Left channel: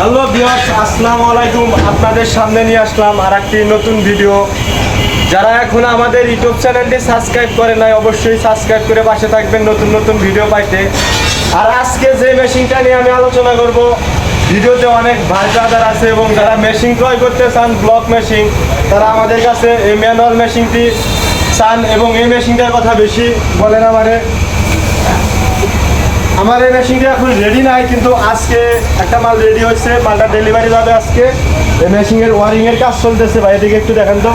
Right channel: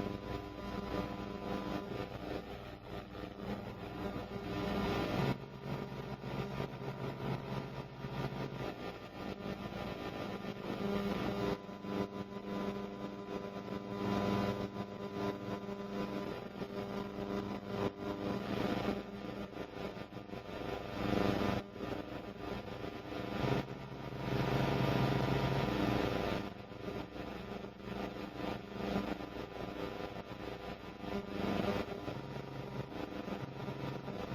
Hello viewers, আসসালামু আলাইকুম। আপনাদের সামনে নিয়ে আসলাম আর একটি নতুন ভিডিও। যারা এখন আমাদের ইউটিউব চ্যানেলটি সাবস্ক্রাইব করে নাই, অবশ্যই সাবস্ক্রাইব করে পাশে থাকবেন নতুন নতুন ভিডিও পাইতে। আর আজকে যে মেশিনটা নিয়ে আমি আলোচনা করব, ভিডিওতে অনেক ভাই ব্রাদার আছে এবং যারা মেশিন ক্রয় করতে চান, ব্লক মেশিন, তারা আমাদের কাছে এই ম্যানুয়াল মেশিনটি চান এবং এই মেশিনটার কথা বেশি বলেন। আমার এই মেশিনটা এখন রেডি নাই, কিন্তু আজকে একটা মাল রেডি হচ্ছে, মালটা ডেলিভারি যাবে আজকে। এই মেশিনের ওয়ারিংয়ের কাজ চলতেছে ভাই, এদিকে একটু দেখেন তো।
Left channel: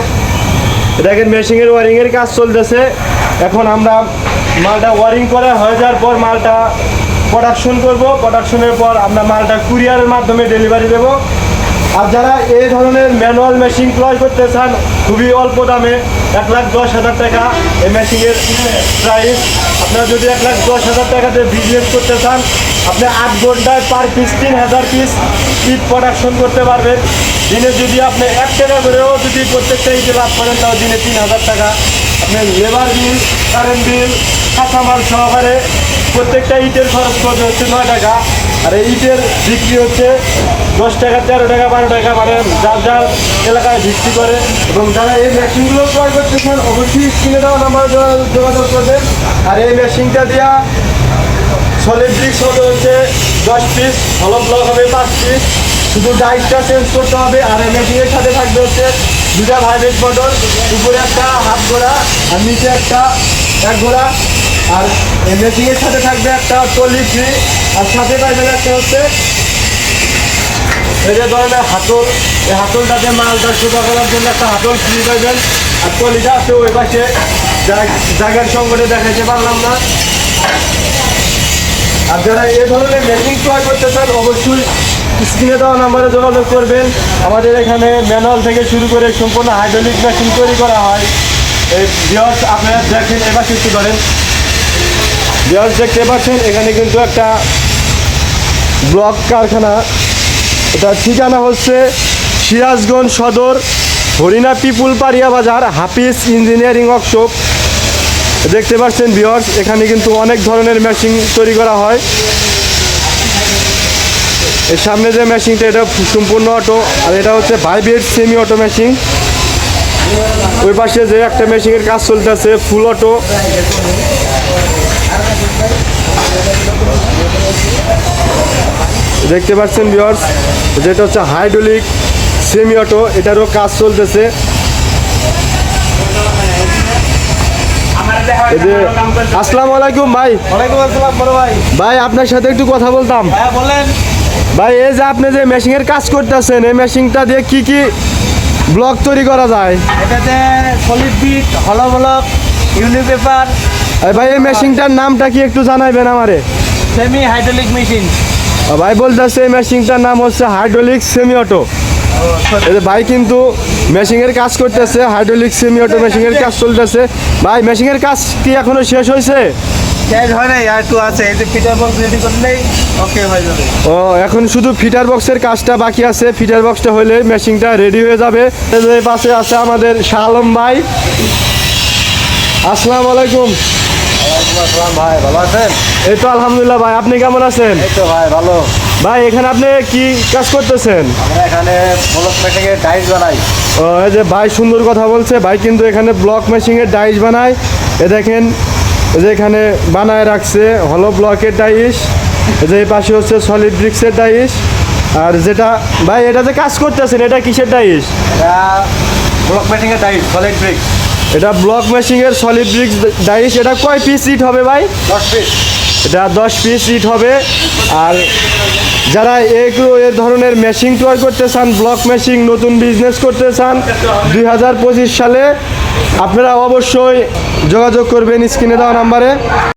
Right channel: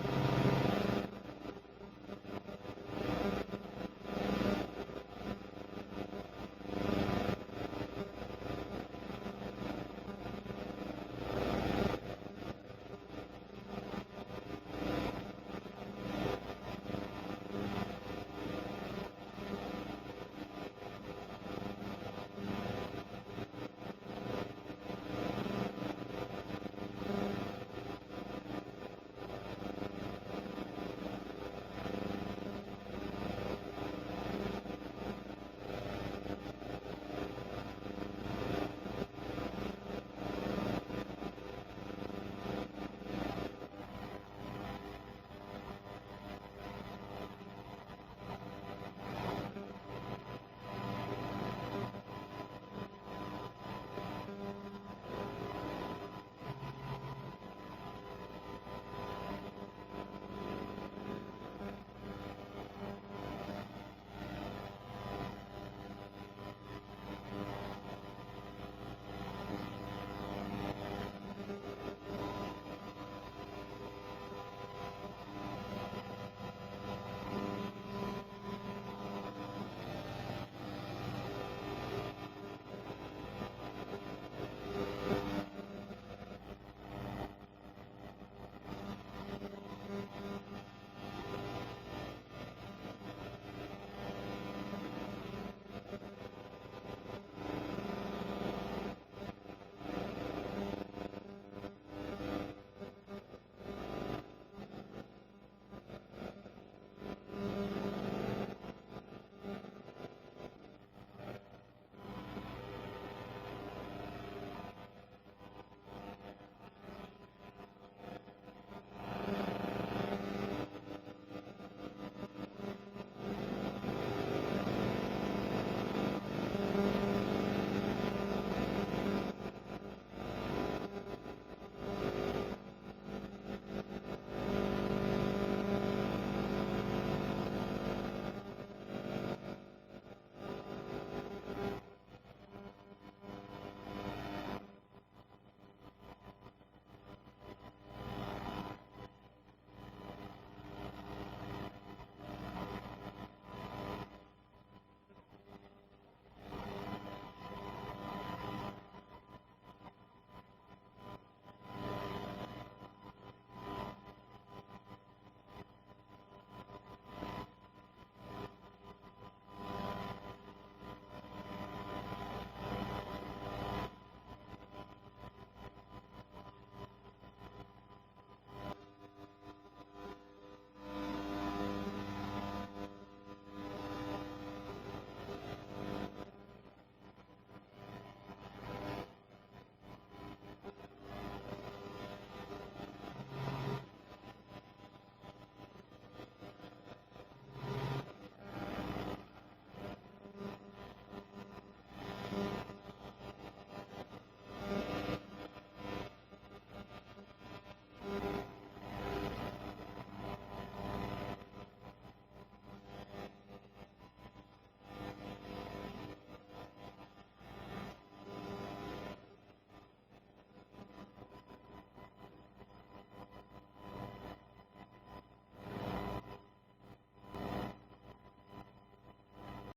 দেখেন মেশিনের ওয়ারিংয়ের কাজ চলতেছে। এখন আমরা মালটা ওয়ারিং করা হয়ে যাওয়ার পর মালটা প্রোডাকশন করব। প্রোডাকশনের পর আমরা মালটা কুরিয়ারের মাধ্যমে ডেলিভারি দেবো। আর যারা এই ধরনের ম্যানুয়াল মেশিন ক্রয় করতে চান খুবই অল্প দামে, 1,10,000 টাকা এই মেশিনের প্রাইস। আপনারা যদি 1,10,000 টাকাতে বিজনেস করতে চান, আপনি 8 ঘন্টায় পার পিস 3,000 পিস ইট প্রোডাকশন করতে পারবেন। দিনে যদি আপনি 1 টাকা করেও যদি প্রত্যেকটা ইটে লাভ করেন, তাও দিনে 3,000 টাকা। আপনি লেবার বিল, কারেন্ট বিল, কাঁচামাল সহকারে প্রত্যেকটা ইটের খরচ করবে হচ্ছে 9 টাকা। আর এই ইটের বিক্রি হচ্ছে 10 টাকা, 13 টাকা, 12 টাকা, মানে যার যার এলাকায় ভিত্তি করে। এবং যারা এই মেশিনগুলো ক্রয় করতেছেন, অবশ্যই স্ক্রিনে দেওয়া নাম্বারে যোগাযোগ করবেন। আর এই মেশিনটা দেওয়া সলিড ব্রিক্স হবে হচ্ছে 10 পিস, হলো ব্লক হবে 5 পিস। শুধু ডাইসটা চেঞ্জ করতে হবে। আর এই মেশিনের সাথে থাকবে হচ্ছে 2টা ভাইব্রেট মোটর, উপরে একটা হাফ ঘোড়া আর নিচে একটা 1 ঘোড়া। আর এই মেশিনের সাথে থাকবে একটা টলি ফ্রি, আর সাথে পাইবেন একটা হচ্ছে এই যে ধরনের হাতল। এই হাতলটাতে মালটা সোজা করার জন্য একটা হাতল ফ্রি পাইবেন। আর টলিটা আছে ওই পাশে, জায়গার সঙ্গে দেখাইতে পারলাম না। আর যারা এই ধরনের মেশিন ক্রয় করতে চান, অবশ্যই স্ক্রিনে দেওয়া নাম্বারে যোগাযোগ করবেন। আমাদের এখানে ম্যানুয়াল থেকে শুরু করে সম্পূর্ণ হাইড্রোলিক মেশিন তৈরি করা হয়। এই ভিউয়ার্স আপনারা দেখেন, এবার একটু ধরেন। ভিউয়ার্স দেখতে পাচ্ছেন, এখানে কিন্তু একটা ব্লক কারখানা। এটা ঠিকানা হচ্ছে সিরাজগঞ্জ সদর, হরিণা পিপুল পাড়িয়া বাজার, হাফিজ ইঞ্জিনিয়ারিং ওয়ার্কশপ। দেখতে পাচ্ছেন ভিউয়ার্স, এখানে কিন্তু অনেক ধরনের মেশিন তৈরি করা হয়। এর সামনে যে মেশিনটা, এটা সম্পূর্ণ অটো, আর এটা হচ্ছে ভাইব্রেট সেমি অটো মেশিন। ওই পাশে যে একটা মেশিনের কাজ চলতেছে ফুল অটো। দেখতে পাচ্ছেন ভিউয়ার্স, যেটা হচ্ছে হাইড্রোলিক সেমি অটো, এটারও কাজ চলতেছে। আসসালামু আলাইকুম ভাই। ওয়ালাইকুম আসসালাম বড় ভাই। ভাই আপনার সাথে একটু কথা বলতাম। হ্যাঁ বলেন ভাই, এই যে আপনি যে মেশিনের কাজ করতেছেন, এই মেশিনটা দিয়ে কি কি ব্লক তৈরি করা যায়? এটাতে সলিড বিট, হলো ব্লক, ইউনিপেপার। ভাই এই মেশিনটার নামটা কি একটু জানাইবেন আমারে? Semi hydraulic machine. ভাই বলতেছে এই মেশিনটার নাম হচ্ছে হাইড্রোলিক সেমি অটো। এই যে ভাই কিন্তু মেশিনের কাজ করতেছে, হাইড্রোলিক সেমি অটো মেশিনের কাজ চলতেছে। ভাই মেশিনের কাজ কি এখনো শেষ হয়েছে? শেষ হয় নাই, আর একটু আছে। এই যে ফিটার বক্স রেডি করলেই ওকে হয়ে যাবে। ও, এখন শুধু ফিটার বক্সের কাজটা বাকি আছে। ফিটার বক্সটা হলে মেশিনটা রেডি হয়ে যাবে। এই পাশে আছে আমাদের শাহ আলম ভাই। আসসালামু আলাইকুম। ওয়ালাইকুম আসসালাম ভাই, ভালো আছেন? এই তো আলহামদুলিল্লাহ ভাই, আপনি কেমন আছেন? এই তো ভাই ভালো। ভাই এখানে আপনি কি কাজ করতেছেন? আমরা এখানে ব্লক মেশিনের ডাইস বানাই। ও, এই যে ভাই সুন্দর কথা বলছে। ভাই কিন্তু এখানে ব্লক মেশিনের ডাইস বানায়। এ দেখেন, এই যে এখানে বানায় রাখছে হলো ব্লকের ডাইস। এই যে এই পাশে হচ্ছে সলিড ব্রিক্সের ডাইস। আর যেটা ভাই এটা যে কাজ করতেছেন, এটা কিসের ডাইস? এটা ব্লক মেশিনের ডাইস, সলিড ব্রিক্স। এটা ব্লক মেশিনের সলিড ব্রিক্স ডাইস। এটা কয় পিস ইট হবে ভাই? 10 পিস। এটা 10 পিস ইট হবে। আর যারা এ ধরনের মেশিন ক্রয় করতে চান, ব্লক মেশিন নতুন বিজনেস করতে চান 2025 সালে, আপনারা অবশ্যই যোগাযোগ করবেন স্ক্রিনে দেওয়া নাম্বারে।